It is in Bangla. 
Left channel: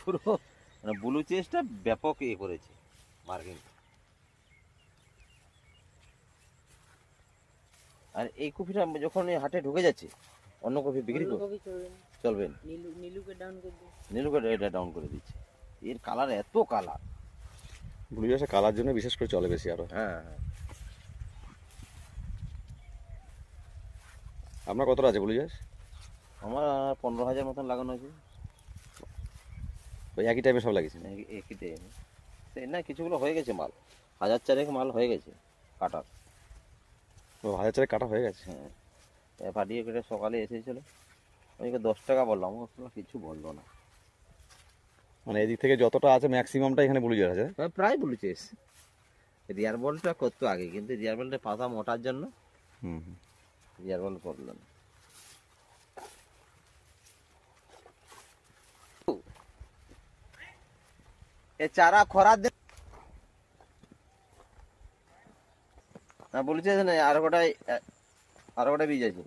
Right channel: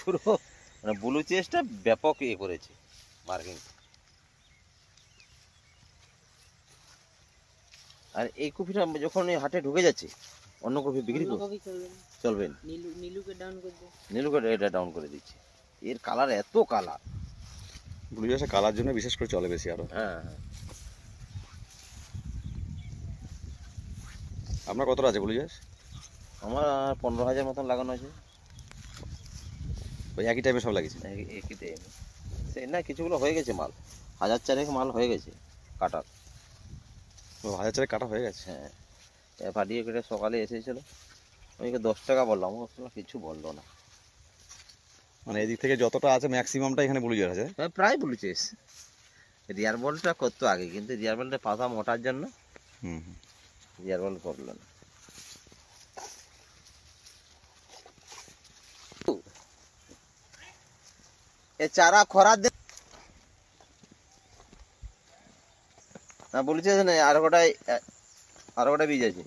পুরো মানে ব্লু চেস্টটা ব্যাপক ইয়ে করেছে মার্কিং। আর এই কপিটা যখন এই হাটে ঢুকে যাচ্ছে অন্য কপি বিক্রি করে চলবে না, নীলুকে এটা ডাউন করে দিচ্ছে। এর কালার এত কালার, ব্লু চাষে কালার জন্য বিশেষ করে চলে বেশি আরো। হ্যাঁ হ্যাঁ। আপনার কতটা আছে ব্লু চাষ? আমার 15,000 মতন লাগানো আছে। ওই একই টাইপের সব লাগিয়েছেন? একই টাইমে সে না, কিছুগুলো হয়ে গেছে মাল, 1,000 মাল হয়ে গেছে কাটার। ও 1,000 কাটা হয়ে গেছে? হ্যাঁ, পাঠিয়ে কেটে সকালে এসেছিল, ওইকে 10 টাকা বললাম, ও কিছু বললো না। মানে এদিক থেকে যতটা আছে ম্যাক্সিমামটা এখানে ব্লু চাষ আছে? হ্যাঁ প্রায় বলেছিস। রিয়ার বলটা করতো আগে, কিন্তু রিয়ার বলটা পাতা মোটার জন্য হুম। রিয়ার বল করলো না। এ চারা খরার দিন না বলেছে না, আর কটাই বীজ আছে।